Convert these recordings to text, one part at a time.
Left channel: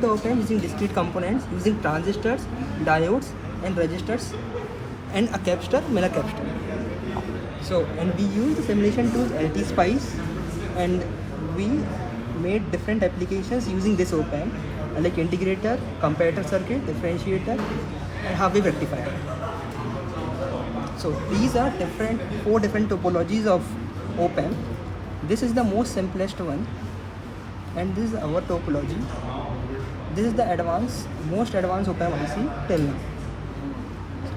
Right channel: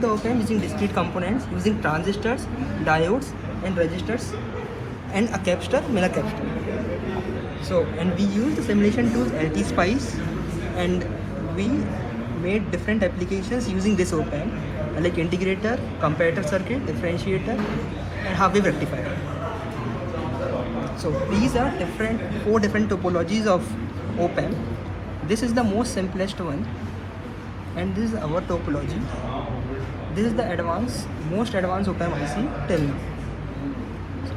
built the op-amp using discrete components, using transistors, diodes, and resistors, and a capacitor, Miller capacitor. So, and we use the simulation tool LT-Spice, and we made different applications using this op-amp, like integrator, comparator circuit, differentiator, and half-wave rectifier. So these are four different topologies of op-amp. This is the most simplest one, and this is our topology. This is the most advanced op-amp IC till now.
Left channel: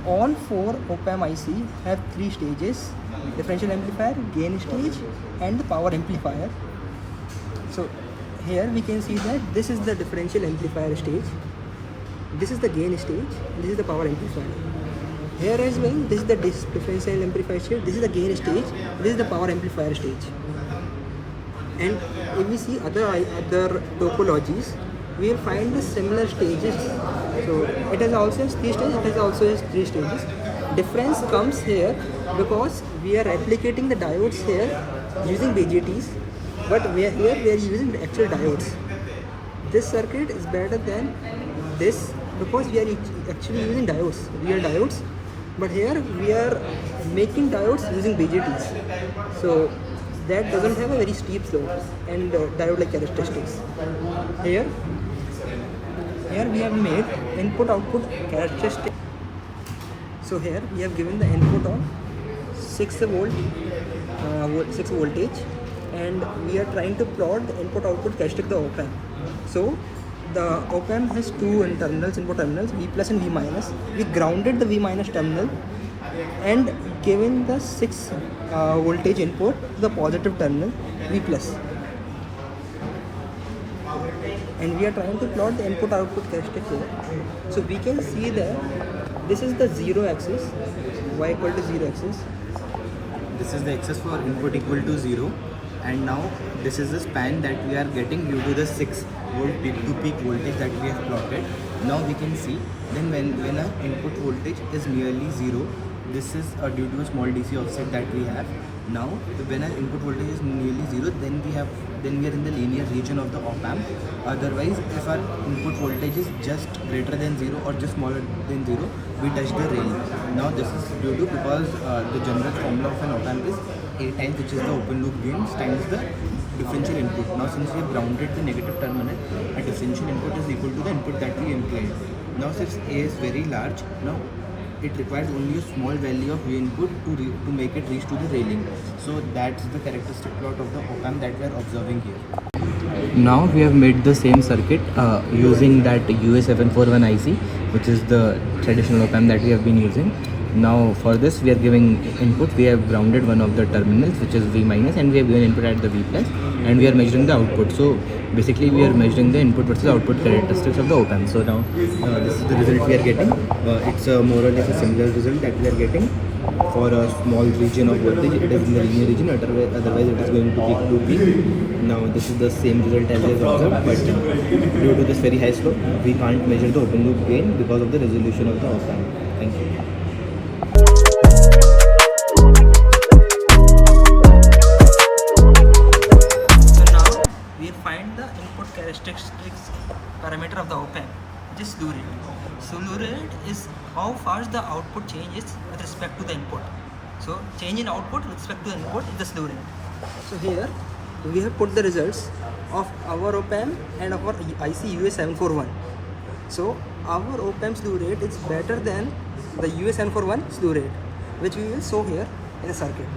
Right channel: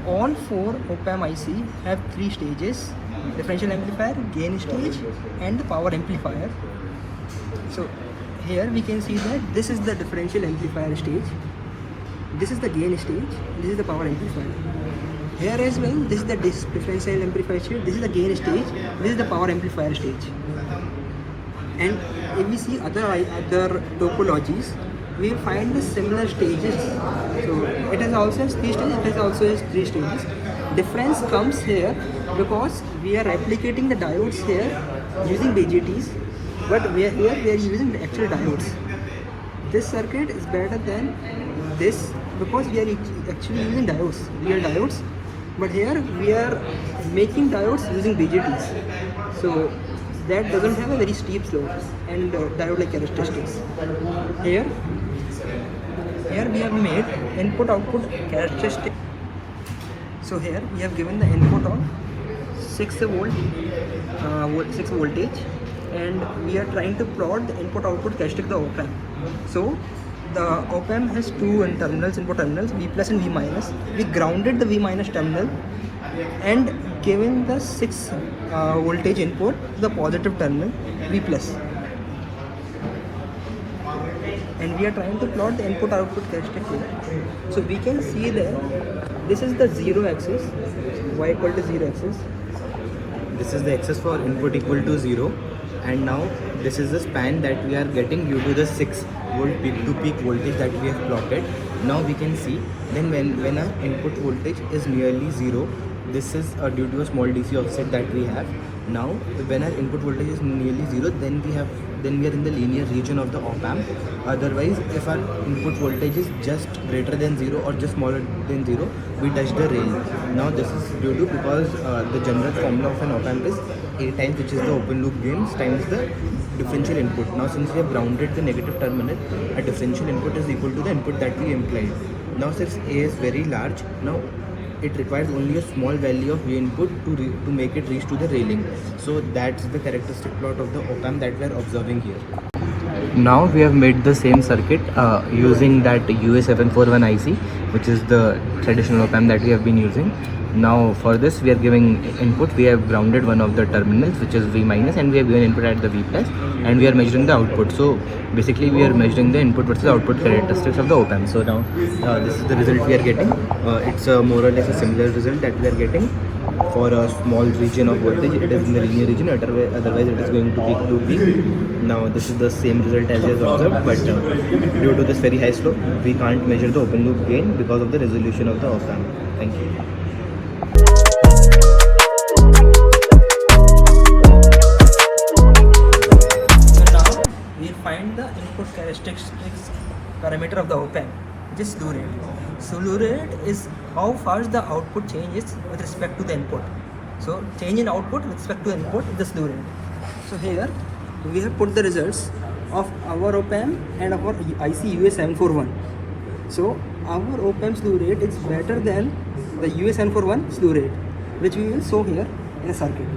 All four op-amp IC have three stages: differential amplifier, gain stage, and the power amplifier. So here we can see that this is the differential amplifier stage, this is the gain stage, this is the power amplifier. Here as well, this is the differential amplifier stage, this is the gain stage, this is the power amplifier stage. And if we see other topologies, we find the similar stages. So it has also three stages, it has also three stages. Difference comes here because we are replicating the diodes here using BJTs, but here we are using the actual diodes. This circuit is better than this because we are actually using diodes, real diodes, but here we are making diodes using BJTs. So that doesn't have a very steep slope and diode-like characteristics. Here we have made input-output characteristics. So here we have given the input on 6 voltage, and we are trying to plot the input-output characteristic of the op-amp. So the op-amp has two terminals, input terminals, V plus and V minus. We grounded the V minus terminal and given the 6 voltage input to the positive terminal, V plus. And we are trying to plot the input output characteristic. So we can see that this is the 0 axis, y equal to 0 axis. This is the axis for input equal to 0, and now this is the span that we are getting due to the 6 volt peak to peak voltage that we have plotted. Now we can see then when our input voltage is nearly 0, this is due to a small DC offset that we have. Now when our input voltage is nearly 0, then we are in the linear region of the op-amp. Otherwise, if our input voltage is just greater than 0 or just smaller than 0, we touch the rail. Now this is due to because the general formula of an op-amp is A times, which is the open loop gains, times the differential input. Now since we have grounded the negative terminal, a differential input is equal to the input that we implied. Now since A is very large, now it requires only a small value of V input to make it reach to the railing. So that's the characteristic plot of the op-amp that we are observing here. Now we have made the same circuit using that UA741 IC, which is the traditional op-amp that we have been using. Now for this we are giving input, we have grounded one of the terminals, which is V minus, and we have given input at the V plus, and we are measuring the output. So basically we are measuring the input versus output characteristics of the op-amp. So now this is the result we are getting. It's more or less a similar result that we are getting for a small region of voltage. It is in the linear region, otherwise it is going to peak to peak. Now this is the same result as we have observed, but due to this very high slope, we can't measure the open loop gain because of the resolution of the op-amp. Thank you. Find the input characteristics parameter of the op-amp, which is slew rate. Slew rate is how fast the output changes with respect to the input. So change in output with respect to the input is the slew rate. So here we have put the results of our op-amp and our IC UA741. So our op-amp slew rate is better than the UA741 slew rate, which we will show here in a circuit.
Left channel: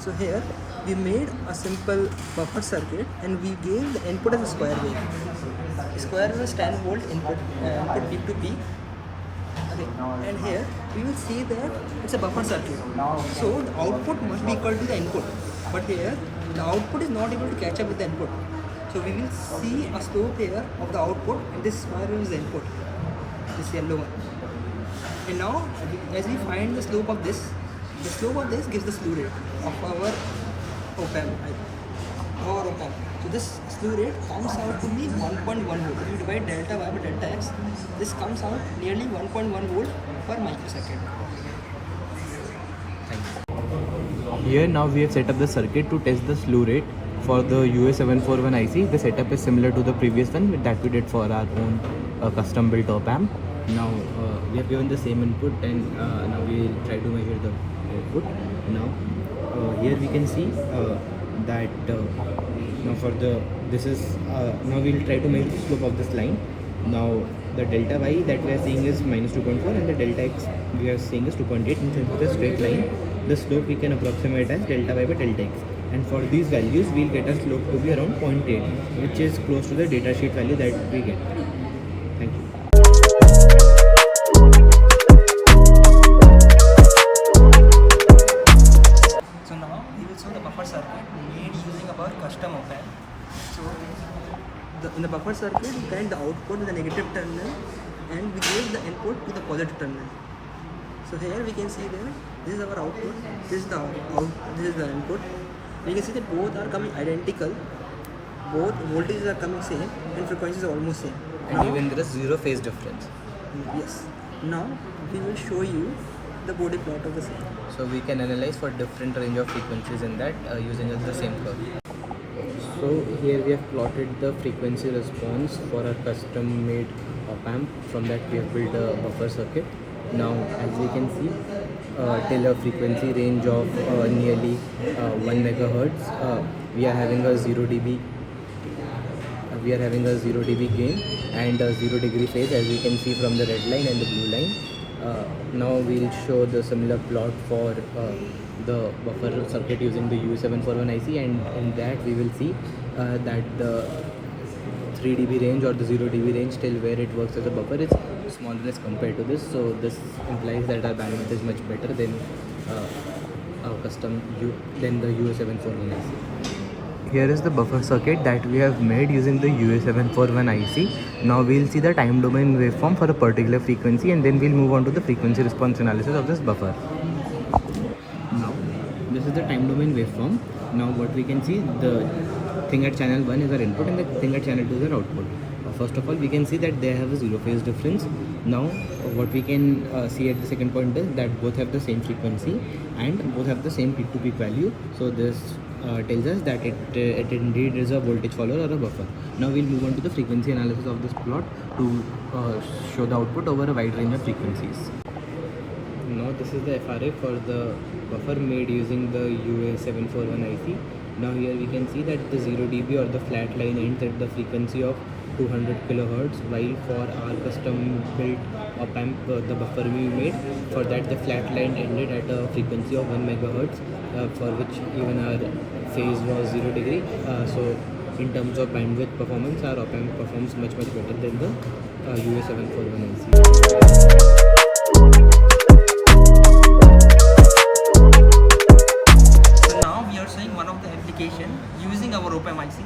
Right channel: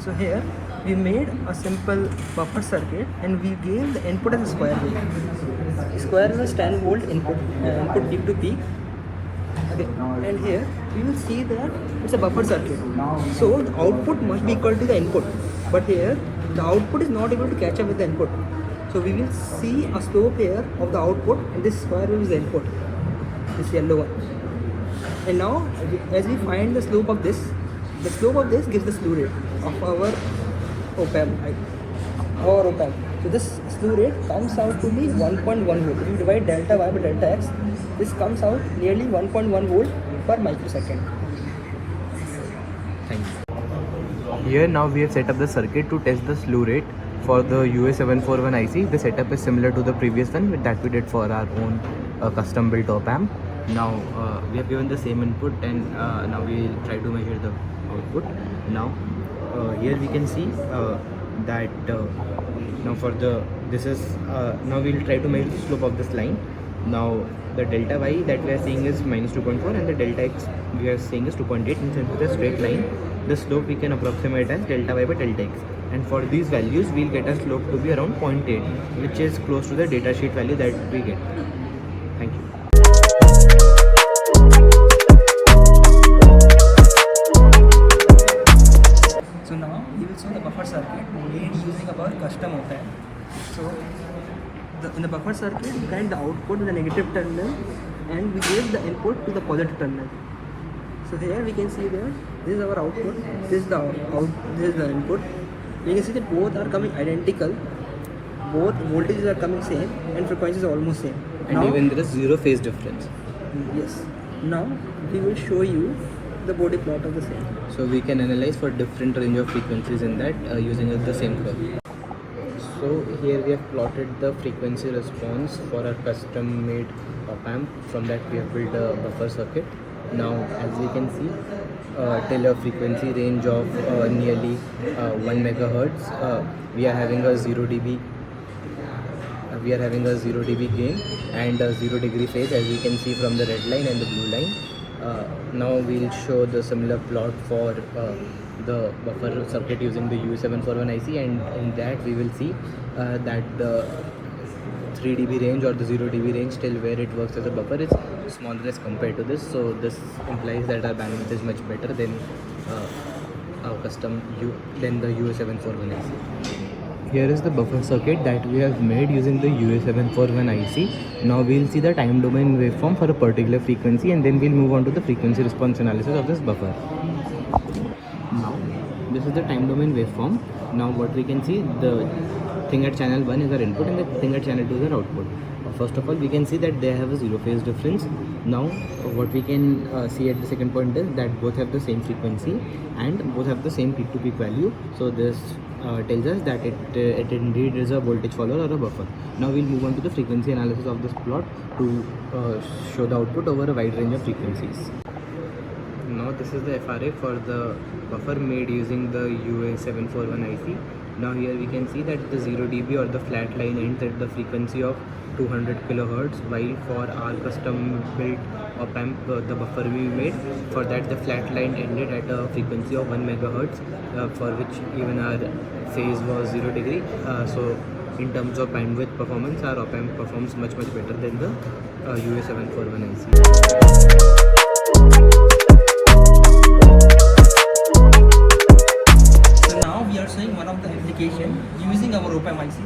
So here we made a simple buffer circuit and we gave the input as a square wave. Square wave is 10 volt input peak to peak. Okay. And here we will see that it's a buffer circuit. So the output must be equal to the input. But here the output is not able to catch up with the input. So we will see a slope here of the output, and this square wave is the input, this yellow one. And now as we find the slope of this gives the slew rate of our op-amp. So this slew rate comes out to be 1.1 volt. If you divide delta y by delta x, this comes out nearly 1.1 volt per microsecond. Thank you. Here now we have set up the circuit to test the slew rate for the UA741 IC, the setup is similar to the previous one that we did for our own custom built op amp. Now we have given the same input, and now we will try to measure the output. Now here we can see that now for the this is now we will try to measure the slope of this line. Now the delta y that we are seeing is minus 2.4 and the delta x we are seeing is 2.8, and since it is a straight line, the slope we can approximate as delta y by delta x. And for these values we'll get a slope to be around 0.8, which is close to the datasheet value that we get. Thank you. So now we will show the buffer circuit made using our custom op amp. So in the buffer circuit we find the output in the negative terminal and we gave the input to the positive terminal. So here we can see that this is our output, this is the this is the input. You can see that both are coming identical, both voltages are coming same and frequencies are almost same. And Now, even there is zero phase difference. yes. Now we will show you the body plot of the same. So we can analyze for different range of frequencies in that using the same curve. So here we have plotted the frequency response for our custom made op amp. From that we have built a buffer circuit. Now as we can see, till a frequency range of nearly 1 megahertz, we are having a 0 dB. We are having a 0 dB gain and a 0 degree phase, as we can see from the red line and the blue line. Now we'll show the similar plot for the buffer circuit using the UA741 IC, and in that we will see that the 3 dB range or the 0 dB range till where it works as a buffer is smaller as compared to this. So this implies that our bandwidth is much better than our custom than the UA741 IC. Here is the buffer circuit that we have made using the UA741 IC. Now we'll see the time domain waveform for a particular frequency, and then we'll move on to the frequency response analysis of this buffer. Now this is the time domain waveform. Now what we can see, the thing at channel 1 is our input and the thing at channel 2 is our output. First of all, we can see that they have a zero phase difference. Now what we can see at the second point is that both have the same frequency and both have the same peak to peak value. So this tells us that it indeed is a voltage follower or a buffer. Now we'll move on to the frequency analysis of this plot to show the output over a wide range of frequencies. Now this is the FRA for the buffer made using the UA741 IC. Now here we can see that the 0 dB or the flat line ends at the frequency of 200 kilohertz, while for our custom built op amp, the buffer we made, for that the flat line ended at a frequency of 1 megahertz, for which even our phase was 0 degree. So in terms of bandwidth performance, our op amp performs much better than the UA741 IC. So now we are showing one of the application using our op amp IC.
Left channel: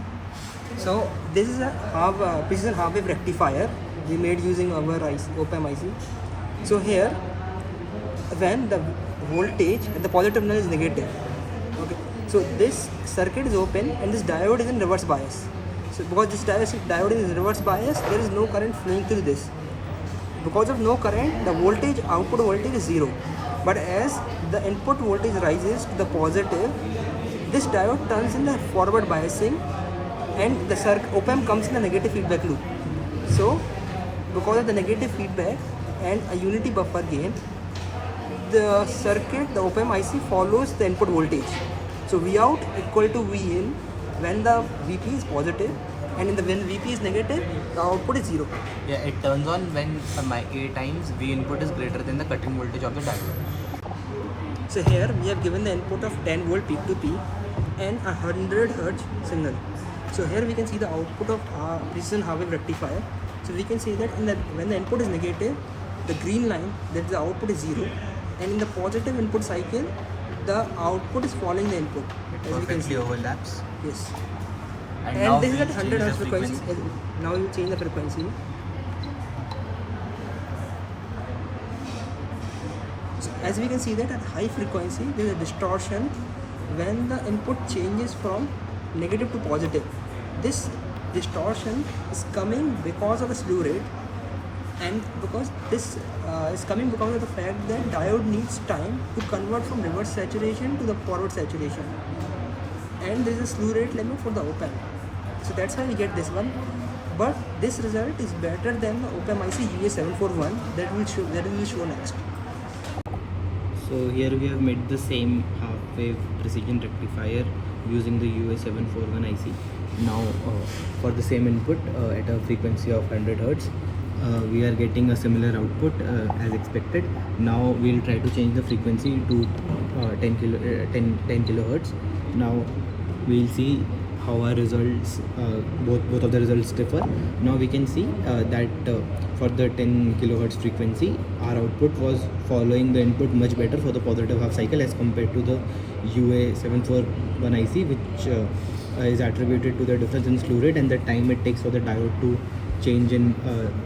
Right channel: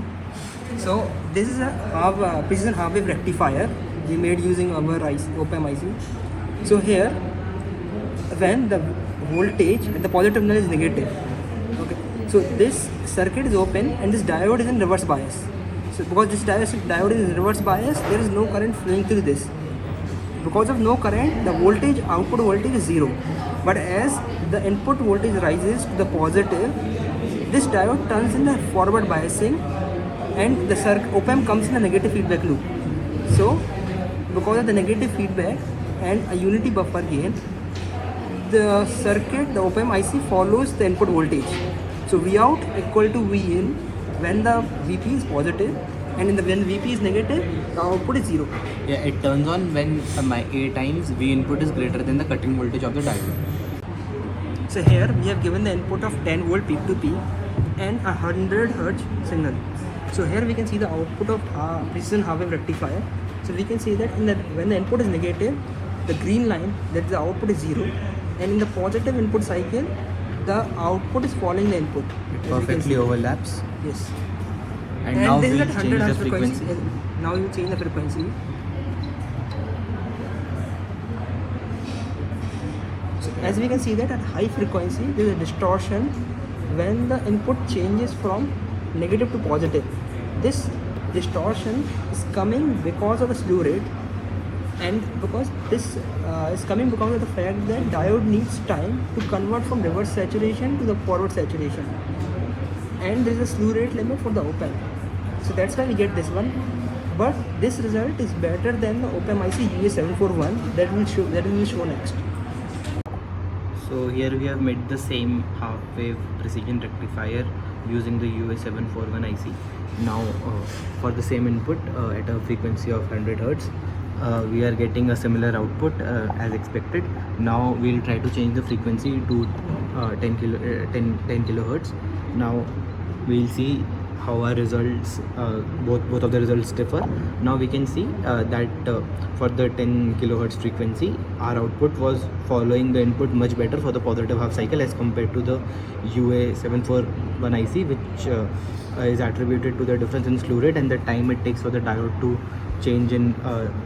So this is a precision half wave rectifier we made using our op amp IC. So here, when the voltage, the positive terminal is negative, so this circuit is open and this diode is in reverse bias. So because this diode is in reverse bias, there is no current flowing through this. Because of no current, the voltage, output voltage is zero. But as the input voltage rises to the positive, this diode turns in a forward biasing and the op amp comes in a negative feedback loop. So because of the negative feedback and a unity buffer gain, the circuit, the op amp IC follows the input voltage. So Vout equal to Vin when the Vp is positive, and when Vp is negative, the output is zero. Yeah, it turns on when A times V input is greater than the cutting voltage of the diode. So here we have given the input of 10 volt peak to peak and 100 hertz signal. So here we can see the output of precision half wave rectifier. So we can see that when the input is negative, the green line, that the output is zero, and in the positive input cycle, the output is following the input. It perfectly overlaps. Yes. And now this is we'll at change 100 the hertz frequency. Now you change the frequency. So as we can see that at high frequency, there is a distortion when the input changes from negative to positive. This distortion is coming because of the slew rate, and because this is coming because of the fact that diode needs time to convert from reverse saturation to the forward saturation. and there is a slew rate limit for the op-amp. So that's why we get this one. But this result is better than the op-amp IC UA741 that we will show next. So here we have made the same half-wave precision rectifier using the UA741 IC. Now for the same input at a frequency of 100 Hz, we are getting a similar output as expected. Now we'll try to change the frequency to 10 kilohertz. Now we'll see how our results, both of the results differ. Now we can see that for the 10 kilohertz frequency, our output was following the input much better for the positive half cycle as compared to the UA741 IC, which is attributed to the difference in slew rate and the time it takes for the diode to change in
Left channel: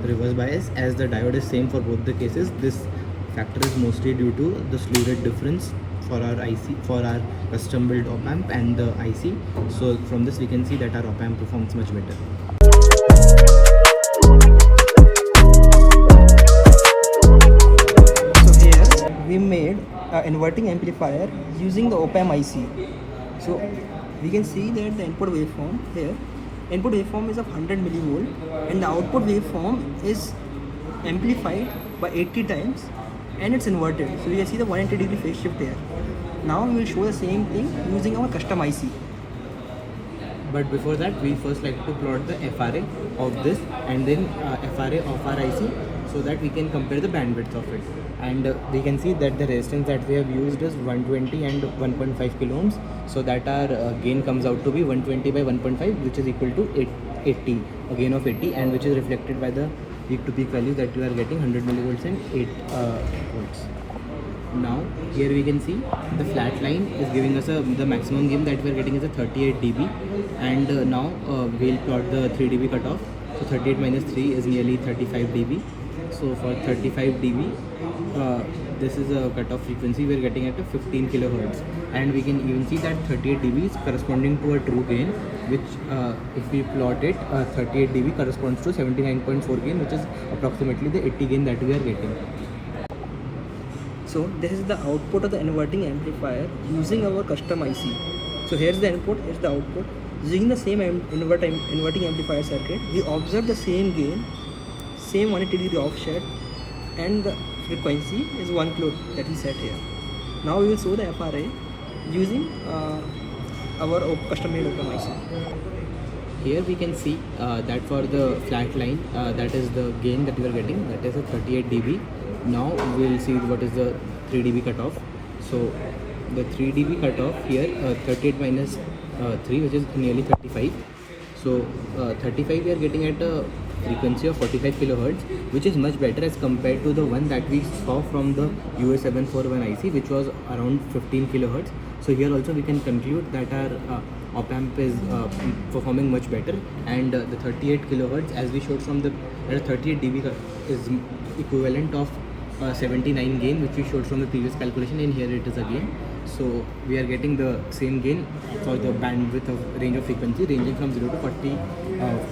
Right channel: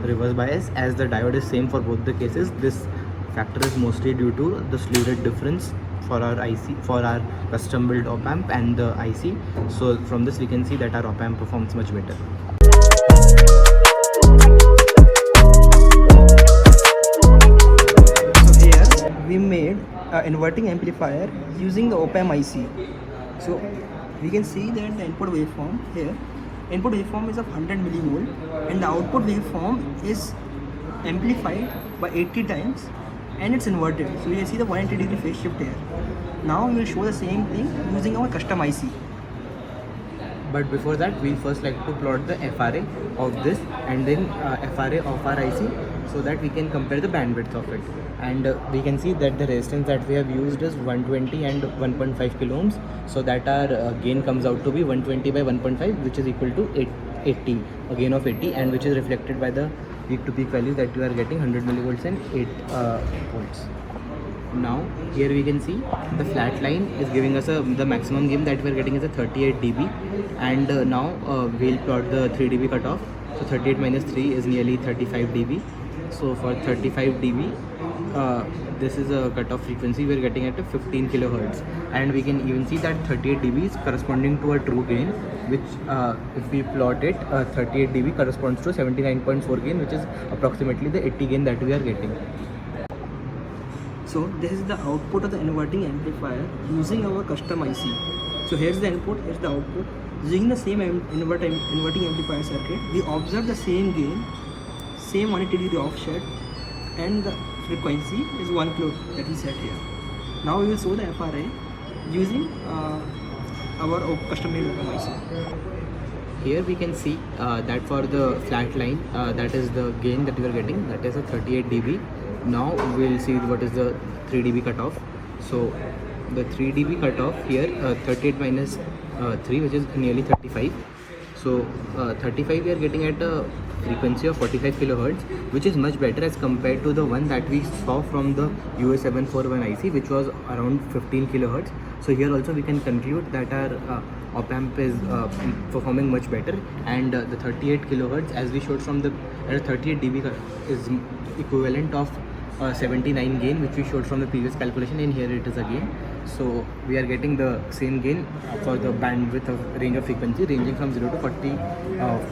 reverse bias. As the diode is same for both the cases, this factor is mostly due to the slew rate difference for our IC, for our custom built op amp and the IC. So from this we can see that our op amp performs much better. So here we made an inverting amplifier using the op-amp IC. So we can see that the input waveform here, input waveform is of 100 millivolt and the output waveform is amplified by 80 times and it's inverted. So you can see the 180 degree phase shift here. Now we will show the same thing using our custom IC. But before that, we first like to plot the FRA of this and then FRA of our IC, so that we can compare the bandwidth of it. And we can see that the resistance that we have used is 120 and 1.5 kilo ohms, so that our gain comes out to be 120 by 1.5, which is equal to 80, a gain of 80, and which is reflected by the peak to peak value that we are getting 100 millivolts and 8 volts. Now here we can see the flat line is giving us the maximum gain that we are getting is a 38 dB, and now we'll plot the 3 dB cutoff. So 38 minus 3 is nearly 35 dB. So for 35 dB, this is a cutoff frequency we are getting at a 15 kilohertz, and we can even see that 38 dB is corresponding to a true gain, which if we plot it, 38 dB corresponds to 79.4 gain, which is approximately the 80 gain that we are getting. So this is the output of the inverting amplifier using our custom IC. So here's the input, here's the output. Using the same inverting amplifier circuit, we observe the same gain, same 180 degree offset, and the frequency is 1 kilo that we set here. Now we will show the FRA using our custom made op-amp IC. Here we can see that for the flat line, that is the gain that we are getting, that is a 38 dB. Now we'll see what is the 3 dB cutoff. So the 3 dB cutoff here, 38 minus 3, which is nearly 35. So 35 we are getting at a frequency of 45 kilohertz, which is much better as compared to the one that we saw from the UA741 IC, which was around 15 kilohertz. So here also we can conclude that our op amp is performing much better, and the 38 kilohertz, as we showed from the 38 dB is equivalent of 79 gain, which we showed from the previous calculation, and here it is again. So we are getting the same gain for the bandwidth of range of frequency ranging from 0 to 40,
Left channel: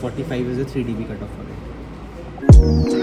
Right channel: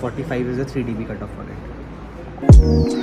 45 is a 3 dB cutoff for it.